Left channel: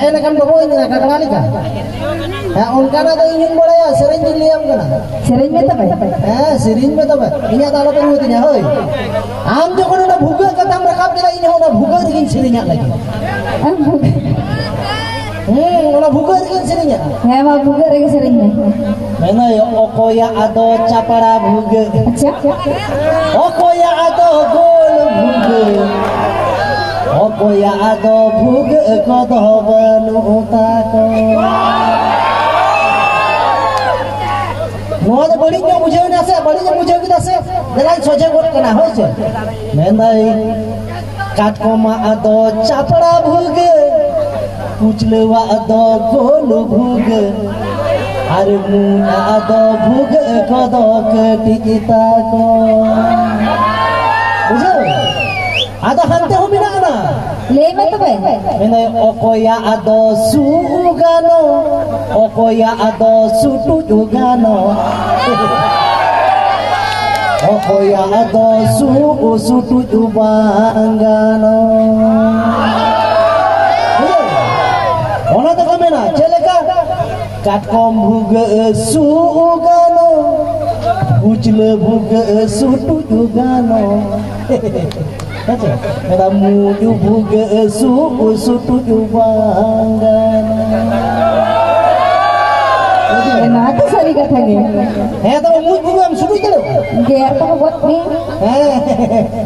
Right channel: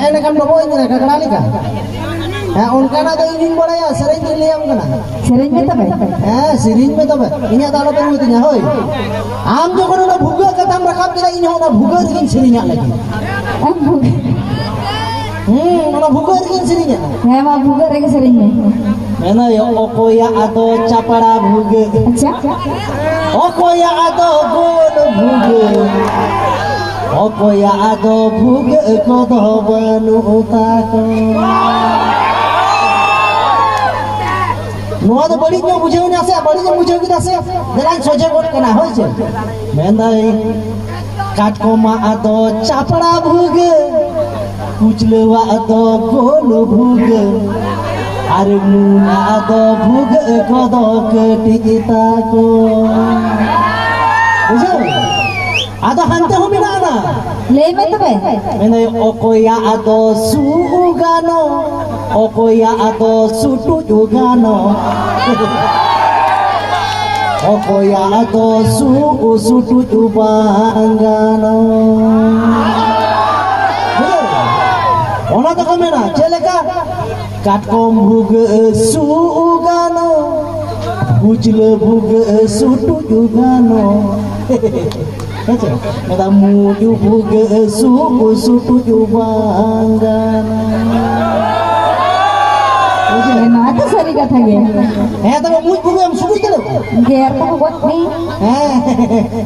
है ना kan bawa ini kakak lagi kan है उनका ना तो इन बड़े सेरेंज ले हम कना सेरेंज में तब है सेरेंज में तब इन्हें ताला पर मत nya होय आम जो को ना भुगा कदम रखा के इन्हें ना भुगा दिन सेरेंज lagi ना भुगा दिन सेरेंज है मा भुगा lagi सेरेंज में है ना okoya ado capara भुगा अच्छा okoya ado gol भुगा okoya ado भुगा kodo banu utako नोआ तो बड़ी क्यों बुझे ना से बड़ी क्यों बुझे ना से जरा सोचे कोट कना होय छे मेंदाई काटकोमा आदो चापड़ा भुग कुचलेवा आदो गोल भुग आरे मुआ आदो भुग कदो कटिता को बुझे आदो हंते हो मिना ना ले में तब मेंदाई okoya ado sugano okoya ado sutu jugano okoya ado sutu jubangano ona to kamera celaka katkom bhuga sugano bujle bhuga sutu jugano Kada muju buga sutu jubangana. Udah nada sari katanya. तो मुझ बुगा हम सुखी चलो Gear तो buat nih.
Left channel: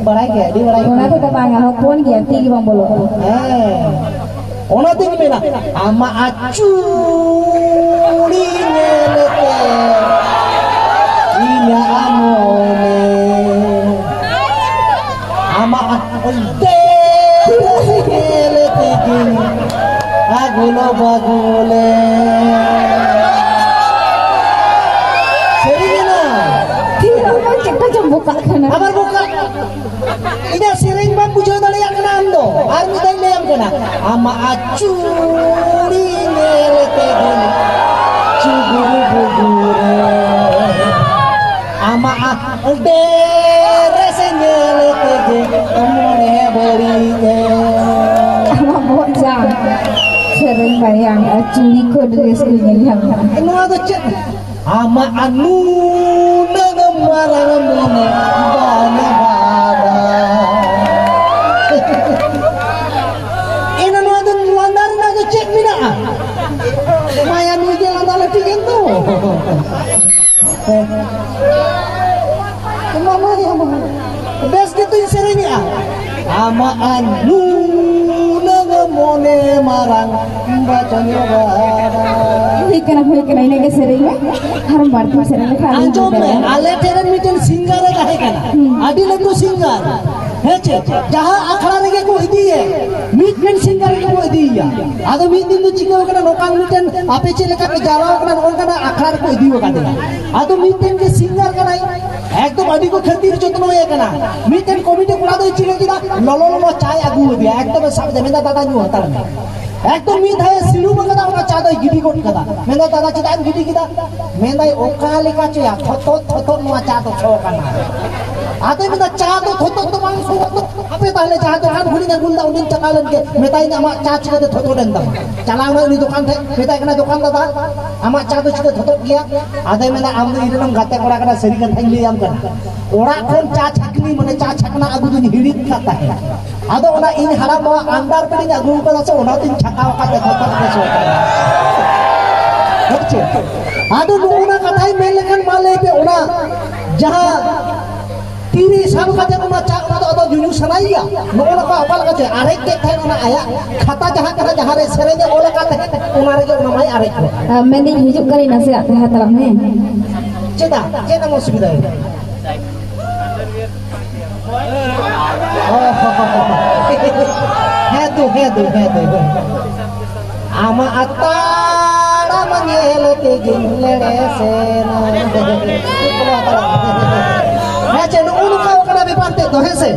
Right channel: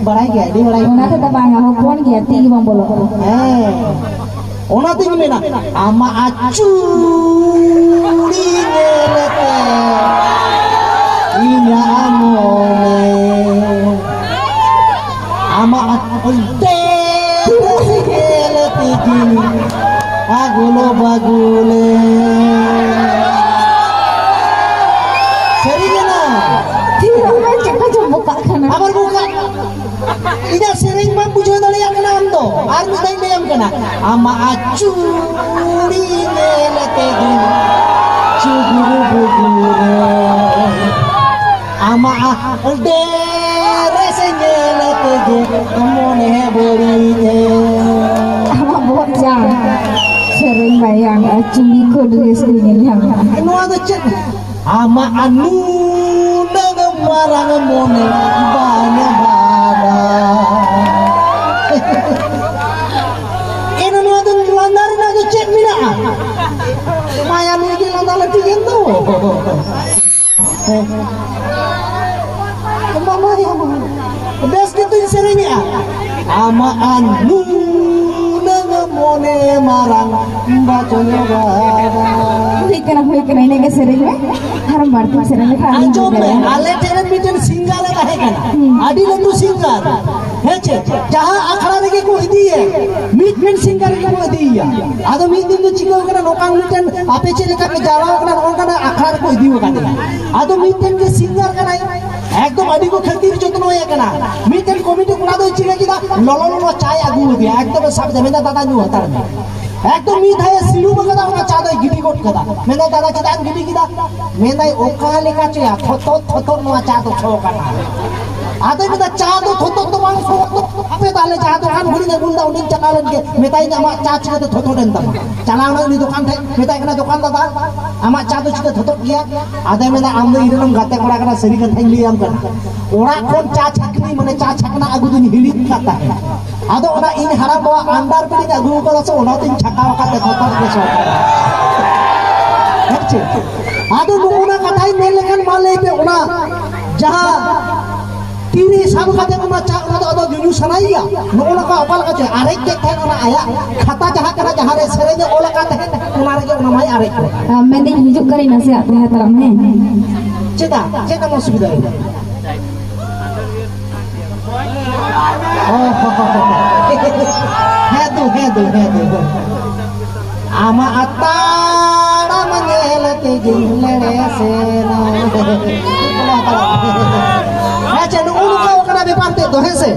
बड़ाई क्या दी बड़ाई Mana tuh tabang kalau pun gear tinggi bang bolo. Ona tinggi mana ama acurinya nete ina amone ama dela tinggi agulo bagule serinya Tidak cek aja buka kana. abar buka ida sering mah puja dali yang nando armi dai nem kana ama acuri nelete gini cuguru bugure ama de rasanya nelete gini mone berinya Ama buat jam. Sering bayang cili kodres yang. anu ada cek ama anu na marang mone bana bana ina nu ada luandar na cek mina maya nu jalan dalam tiga tu kemana dia das gitu serinya ama anu na mone marang bacanya bana Hoy kena ini ke sering haram bantu sering kan. Anjur ale teren miten singar kahe kan adil itu singar heche jaha akhara lagi ko idiye miten singar ke ko idiya adu miten tu chiko kana lokan miten ape chele ka jawa kana lokan akhara ko idiyo kana adu miten ke singar kana ekdom adi ko khatir jotno hoye kana miten committee kora doi chile kida lolo lolo chai agu diya ekdom sab jemenda dada nu hotar na একদম মিঠাই সিলু বগদা কোনা চাদা গিডি coat কাদা মেনা দাদা চাদা গিডি কিদা মেনাই ওকালে কাচয়া থত নোয়া চাদো ছকানা আতে মেনা চাদো থত মানুষ আপে তাহলে চাদো আন ঘুরি না গুলদা উনি চালালেন কে মেতাই না আমা চা চিকে থত দেন দাম চালাও না দোকান থেকে মেতাই কেনা দোকান দাদা আমা চাদো চিকে থত গিয়া আতে মেনা আমদো ইরনম গাতে করা কানা সেরি কা থাইলি আম কানা ওরা কোন চা ছাকনি মানে চা ছাকনা আগু দুন হিড়িত কাতা হে আদো ওনা ইন হারাম বাবা আন্ডার পেড়ি আগু কালা সে ওনা তিন ছাকাও কাতে থত কাছে হচ্ছে আদো ওনা কথাই মেলেখান মালে पे ওনা जहां तीरी साल का ओना चा ओना तो जुजु सनाइया ओना का अपाल का आरेक के थे ओना आया खाता जहां करा जहां रे सेरे जे ओला का थे ओना रे ओना माई आरेक मैंने हिजुक करी नसे आते हैं तब में चेदा चेदा मो सुविधा है Hedu ama atara manyele ke jingle seno heche no unuka kana beparte do hese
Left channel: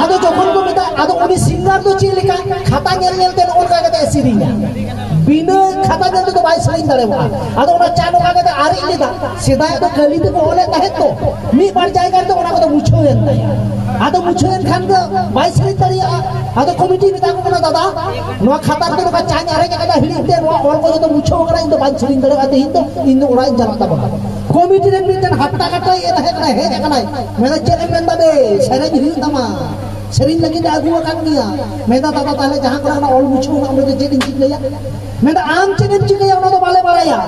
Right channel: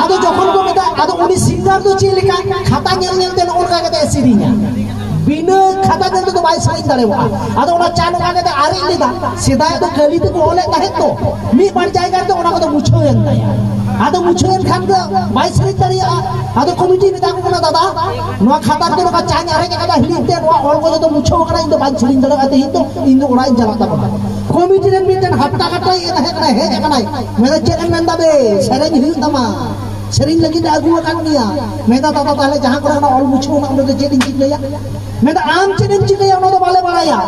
ado jokhon ko meta ado uni singer do chilika khata nyel nyel den ulka kate sirinya bina khata nyel to बाय सरिन दाड़ेवा आदो ओना चा नोका के आरी लेदा सिदाय तो कली ते को ओले ताहे तो मी बार जायगा तो ओना को मुछो एन ताया आदो मुछो एन खान दो बाय सरिन दाड़िया आदो कमिटी ने ताको ना दादा नोआ खाता तो नोका चा न्यारे के कदा हिड़ी ते नोआ ऑल को तो मुछो करा इन तो बाय सरिन दाड़ा ते इन तो ओड़ा इन जला ता कमिटी ने मिटन हट्टा कट्टा ये रहे कना हे कना मेरा चेकन मेंदा बे सरेन हिउ तमा सरिन लगी आगु kan dia मेदा दादा ताले जहां करे ना ऑल मुछो ना ओदे चेकिन चिकलेया मेदा आम चेकिन चिकलेया ओना तो बाले बालाया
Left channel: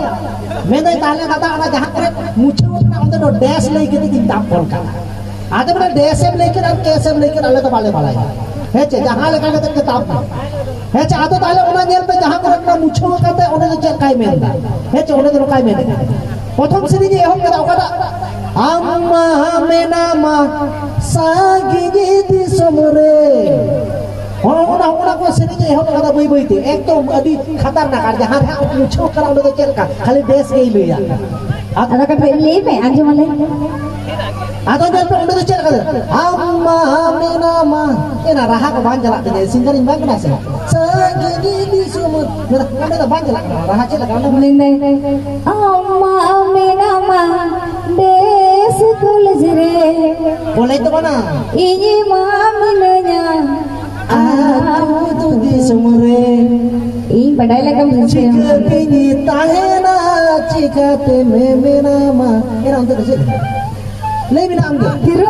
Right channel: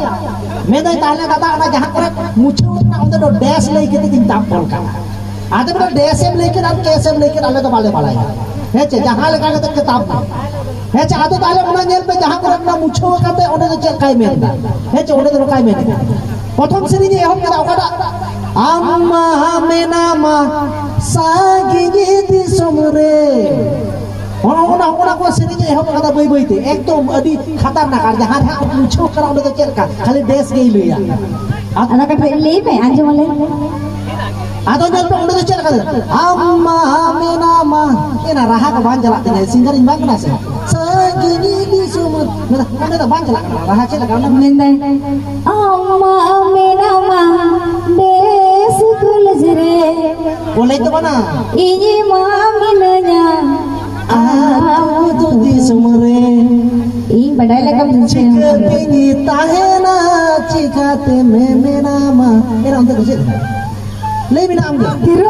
मेदा ताले दादा ना जहां करे मुछो ना ओदे दो डैश लई के दिन ताप कॉल का आदे बड़ा डैश एम लेके और कैश एम लेके आले तो बाले बालाया हेचे जहां लगा के किताब हेचे आदो ताले ओना नेल पे जहां करे ना मुछो करते ओदे तो चेक काय मेंदा हेचे ओदे तो काय मेंदा प्रथम श्रेणी जे हम करा ओकाटा आम्मा मेनामा सागिगे दिसमरे ओना को श्रेणी जे हम करा बई बईते एकदम अभी खतरनाक आ जहां है मुछो करा ओदे तो चेक का खाली देश गई लइया ada kan le pe anjo male आदो जल पे ओदे तो चेक का आम्मा मेनामा एना रहा को बान जला ते सिंगरिंग बान ना से सागिगे दिसमरे मेरा बान जला रहा के लगा mende amma menama des kulajre बोले तो बना ini maminanya aku tuh di sumere ing padahal lekam jika pini tahena jika te me menama ini untuk sih lebih nama tiru